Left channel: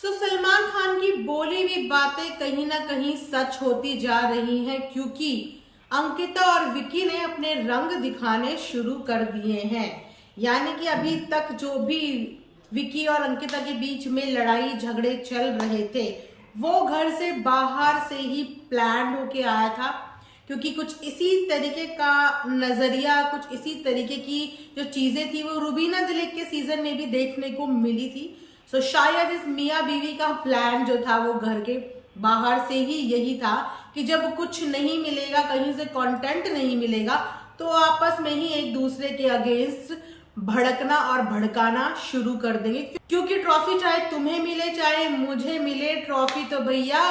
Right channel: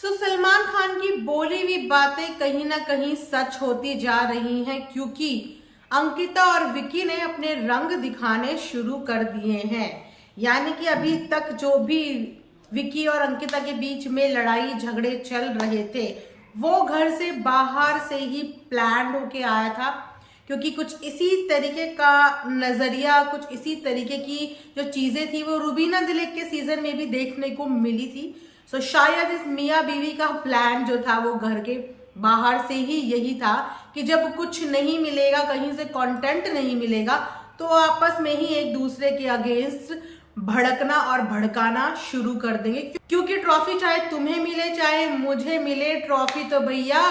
सलमान खान की बोली हुई बातें कहीं ना कहीं सच होती जा रही हैं, क्योंकि अंकिता और विकी ने अपने रंग दिखाने शुरू कर दिए हैं। यानी कि अभी तक जो भी विकी और अंकिता के बीच में लड़ाई झगड़े चल रहे थे, वो घर से बाहर से ही प्लान होके आया था, क्योंकि कुछ इसी तरीके का नजरिया, कुछ इसी तरीके की जो चीजें थी वो रूबीना दिलीप के सीजन में भी देखने को मिली थी। तो शायद इस मियाँ बीवी का प्लान जो था वो घर के बाहर से ही यही था कि जब कुछ नहीं मिलेगा, कहीं से कंटेंट नहीं मिलेगा, तो आपस में ही एक दूसरे के अगेंस्ट भड़कना और भड़काना शुरू कर देंगे। क्योंकि ट्रॉफी चाहे तुम्हें मिले चाहे मुझे मिले, ट्रॉफी तो भैया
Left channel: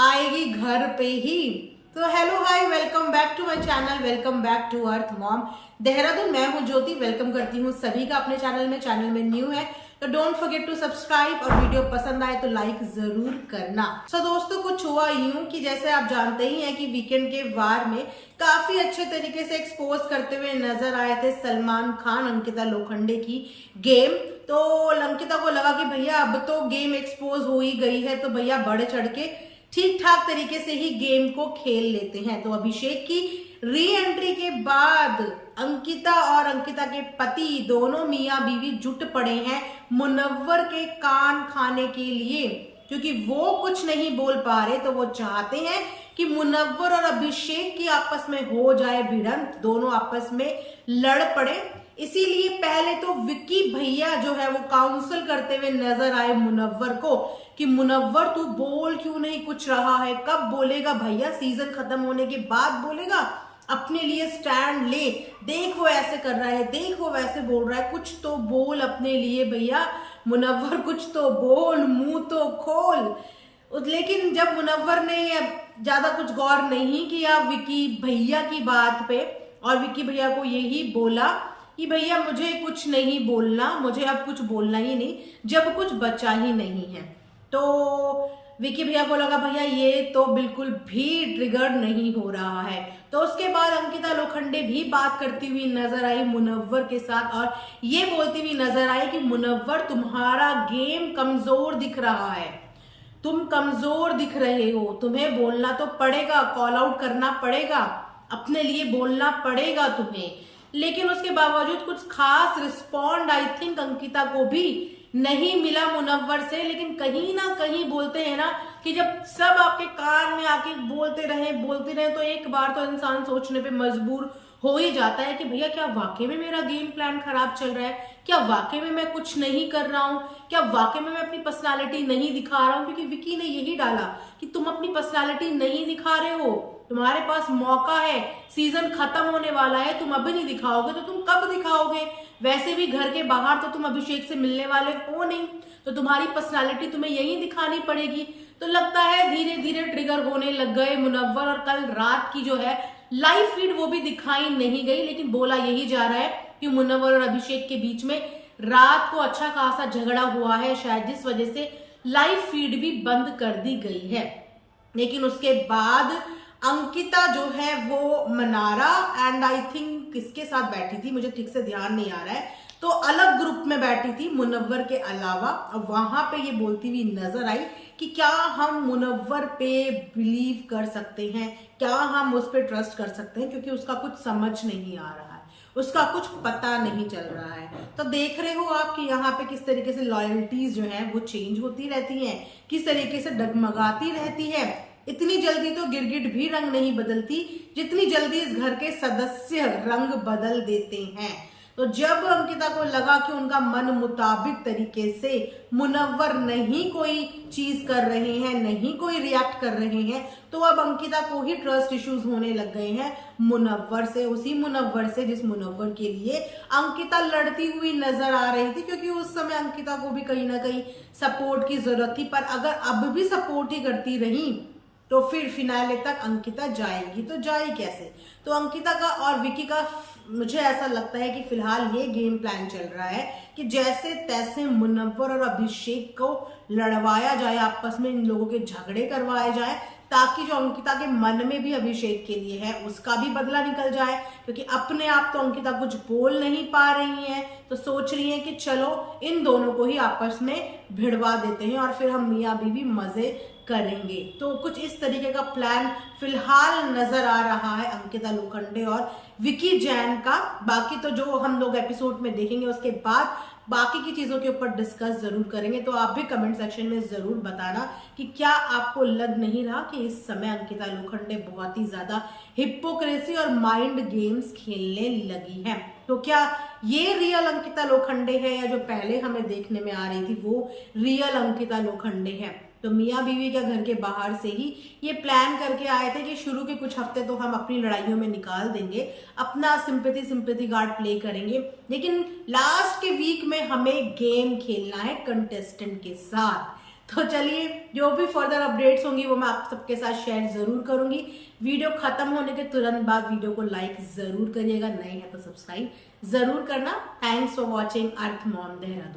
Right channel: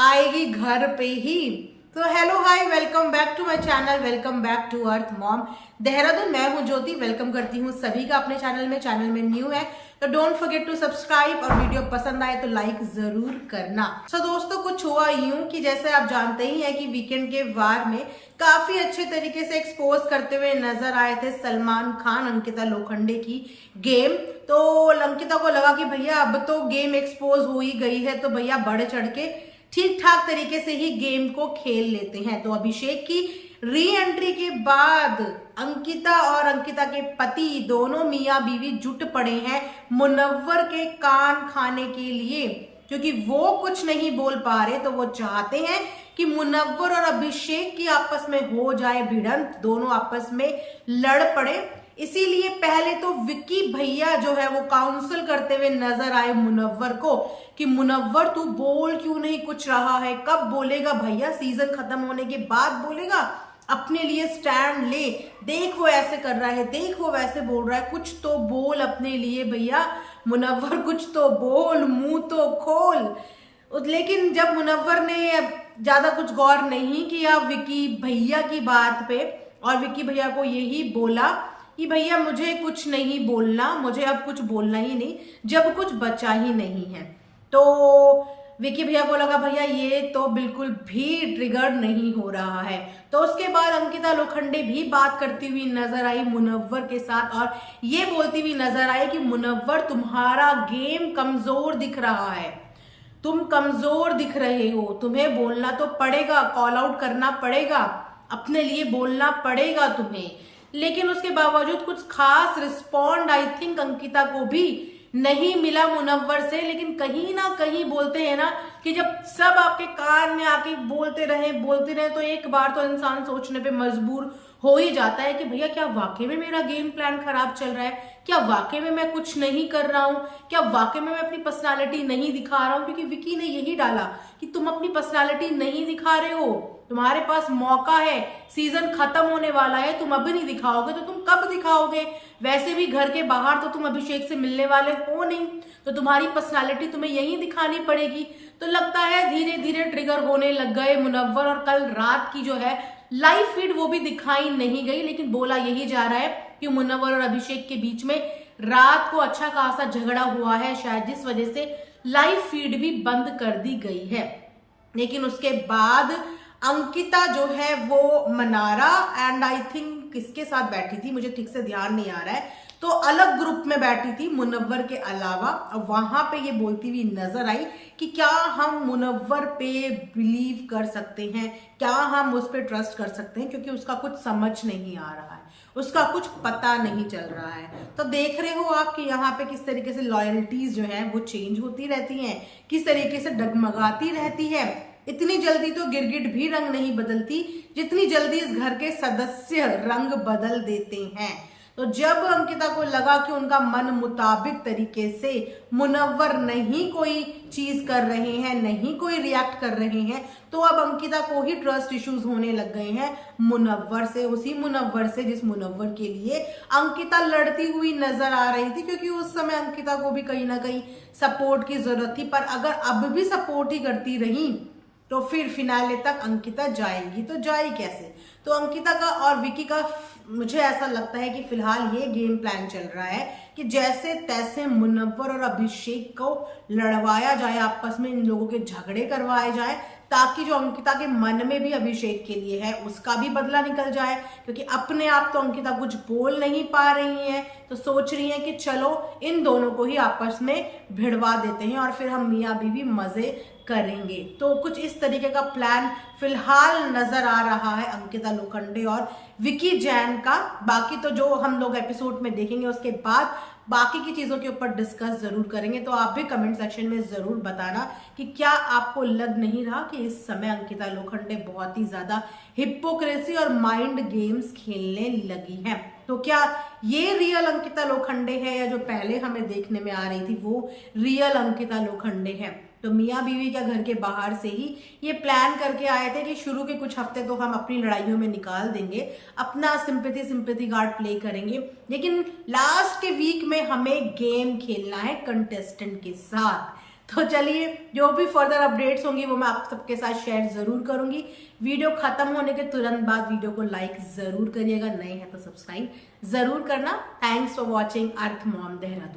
आएगी घर पे ही। तो hello hi, welcome back to my channel, welcome back to earth mom Dehradun. मैं हूं ज्योति, वेलकम करती हूं सभी का अपने चैनल में। चैनल में न्यू है तो डोंट फॉरगेट टू सब्सक्राइब, और वीडियो पसंद आए तो लाइक जरूर करना। दोस्तों, कुछ हुआ यूं कि जैसे आप जानते ही हैं कि वीकेंड के वार में काफी अच्छे तरीके से एक्सपोज करते हुए नजर आए थे सलमान खान अंकिता लोखंडे की गेम। तो अंकिता को लगा कि भैया अब तो गेम एक्सपोज हो ही गई है, तो भैया बढ़ चढ़ के ठीक ठाक तरीके से ही गेम को खेल लेते हैं। तो अभिषेक की री एंट्री के बाद अंकिता और अंकिता के पति दोनों मियाँ बीवी जुट पड़े हैं मुनव्वर के कान खाने के लिए, क्योंकि वो कुछ नहीं बोल पा रहे। तो वो चाहते हैं कि मुनव्वर और अभिषेक की आपस में हो जाए भिड़ंत, दोनों आपस में लड़ पड़े। इसीलिए पहले तो विक्की भैया जो है वो काउंसिल करते हुए नजर आए मुनव्वर को कि मुनव्वर तू बोल क्यों नहीं कुछ रहा है, कब बोलेगा भैया, सीजन खत्म होने के बाद बोलेगा, अपने लिए स्टैंड ले। देख वो ऐसे कर रहा है, देख वो वैसे बोल रहा है, कुछ तो बोल अपने लिए भैया मुनव्वर, कुछ तो बोल, मुंह तो खोल। लेकिन जब मुनव्वर ने ज्यादा कुछ गौर नहीं किया विकी भैया की बात पे, और विकी भैया को यही बोला कि भैया मुझे कुछ नहीं बोलना, मुझे अब कुछ बोलना ही नहीं, जब कुछ बचा ही नहीं है। तो विकी भैया को लगा भैया ये तो बिल्कुल भी ट्रिगर नहीं हो रहा है। तो उसके बाद अंकिता लोखंडे भी बात करती हुई नजर आई मुनव्वर के साथ, और ये बोलती हुई नजर आई कि मुनव्वर तुम्हारा गेम कमजोर दिख रहा है, तुम कमजोर दिख रहे हो, तुम्हें बोलना तो पड़ेगा, कॉल आउट करना पड़ेगा, अपने लिए बोलना पड़ेगा तुम्हें। लेकिन उसके बावजूद कुछ खास रिस्पॉन्ड आई थिंक अंकिता को भी नहीं मिला मुनव्वर से। लेकिन कहीं ना कहीं बोलते हैं ना कि जब सब आपके कान में आके बोलते रहे तो एक बार तो इंसान सोचने पे मजबूर हो ही जाता है कि भैया क्या वाकई में मेरा गेम प्लान खराब चल रहा है, क्या वाकई में मैं कुछ नहीं कर रहा हूँ, क्या वाकई में मैं अपनी पर्सनालिटी नहीं दिखा रहा हूँ। क्योंकि विकी ने यही डाला कि तुम अपनी पर्सनालिटी नहीं दिखा रहे हो, तुम्हारे पास मौका है, सीजन खत्म होने वाला है, तुम अभी नहीं दिखाओगे तो तुम कब दिखाओगे। वैसे भी घर के बाहर तो तुम अभिषेक से मिलने वाले हो नहीं, तो तुम्हारी पर्सनालिटी तुम्हें यही दिखानी पड़ेगी। तो लगता है धीरे धीरे ट्रिगर होने लग गए मुनव्वर, और कल रात की जो है लाइव फीड वो भी दिखाई नहीं गई। लेकिन बोला यही जा रहा है कि मुनव्वर और अभिषेक के बीच में रात को अच्छा खासा झगड़ा हुआ है, शायद जिस वजह से लाइव फीड भी बंद कर दी गई है। लेकिन उसके बाद अंकिता जो है वो मनारा एंड आई थिंक किसके साथ बैठी थी मुझे ठीक से ध्यान नहीं आ रहा है, तो अलग ग्रुप में बैठी थी मुनव्वर के अलावा। और वहां पे ये बोलती हुई नजर आई कि क्या हम मुनव्वर पे बिलीव कर सकते हैं, क्या हम उस पर ट्रस्ट कर सकते हैं, क्योंकि उसका कुछ समझ नहीं आ रहा है, उसका कुछ पता नहीं चल रहा है। तो देख रहे हो आप कि यहाँ पे किस तरीके से लॉयल्टीज जो है वो चेंज होती रहती हैं, किस तरीके से डगमगाती रहती है। इतनी जल्दी तो गिरगिट भी रंग नहीं बदलती जितनी जल्दी इस घर के सदस्य रंग बदल देते हैं। तो जब अंकिता को लगा कि उनका मन मुताबिक तरीके से मुनव्वर नहीं कोई चीज कर रहे हैं, नहीं कोई रिएक्ट कर रहे हैं, तो अब अंकिता को ही ट्रस्ट इश्यूज होने लग गए हैं मुनव्वर से, उसी मुनव्वर से जिस मुनव्वर के लिए अंकिता लड़ती हुई नजर आ रही थी। क्योंकि उस समय अंकिता को भी कहीं ना कहीं सपोर्ट की जरूरत थी, पर अगर अब भी सपोर्ट ही करती रही तो फिर फिनाले तक अंकिता जाएगी तो जाए कैसे। तो अंकिता का और विकी का मुझे ऐसा लगता है कि फिलहाल ये गेम प्लान चल रहा है कि जैसे तैसे मुनव्वर और अभिषेक को लड़वाया जाए, आपस में इन लोगों के झगड़े करवाए जाए, ताकि जो अंकिता के मन में भी अभिषेक के लिए है उसका भी बदला निकल जाए, क्योंकि अपने आप तो अंकिता कुछ बोल नहीं पा रही है, तो सोच रही है कि चलो इन दोनों को ही आपस में भिड़वा देते हैं और फिर हम मियां बीवी मजे करेंगे। तो कुछ इस तरीके का प्लान फिलहाल नजर आ रहा है अंकिता लोखंडे और विकी जैन का। बाकी तो जो हम लोग एपिसोड में देखेंगे उसके बाद बाकी की चीजों के ऊपर डिस्कस जरूर करेंगे। तो आप भी कमेंट सेक्शन में जरूर बताना कि क्या आपको लग नहीं रहा कि इस समय अंकिता लोखंडे बहुत ही ज्यादा हिपोक्रेसी और माइंड गेम्स खेलने लगी है। तो क्या ये रियल अंकिता लोखंडे है या जो पहले हमें देखने में आ रही थी वो रियल अंकिता लोखंडे है? तो मियां बीवी क्या घर के बाहर से ही ये प्लान करके आए थे कि शुरू के कुछ हफ्ते तो हम अपनी लड़ाइयों में निकाल देंगे, अपना सिंपैथी कार्ड प्ले करेंगे, लेकिन लास्ट के वीक में हमें गेम खेलना है कंटेस्टेंट के साथ। तो चलिए, जो भी फर्दर अपडेट्स होंगी वो मैं आप सबके साथ शेयर जरूर करूंगी। वीडियो खत्म होने के तुरंत बाद वीडियो को लाइक जरूर करिएगा, नए हैं तो सब्सक्राइब जरूर करना। Thanks for watching earth mom Dehradun.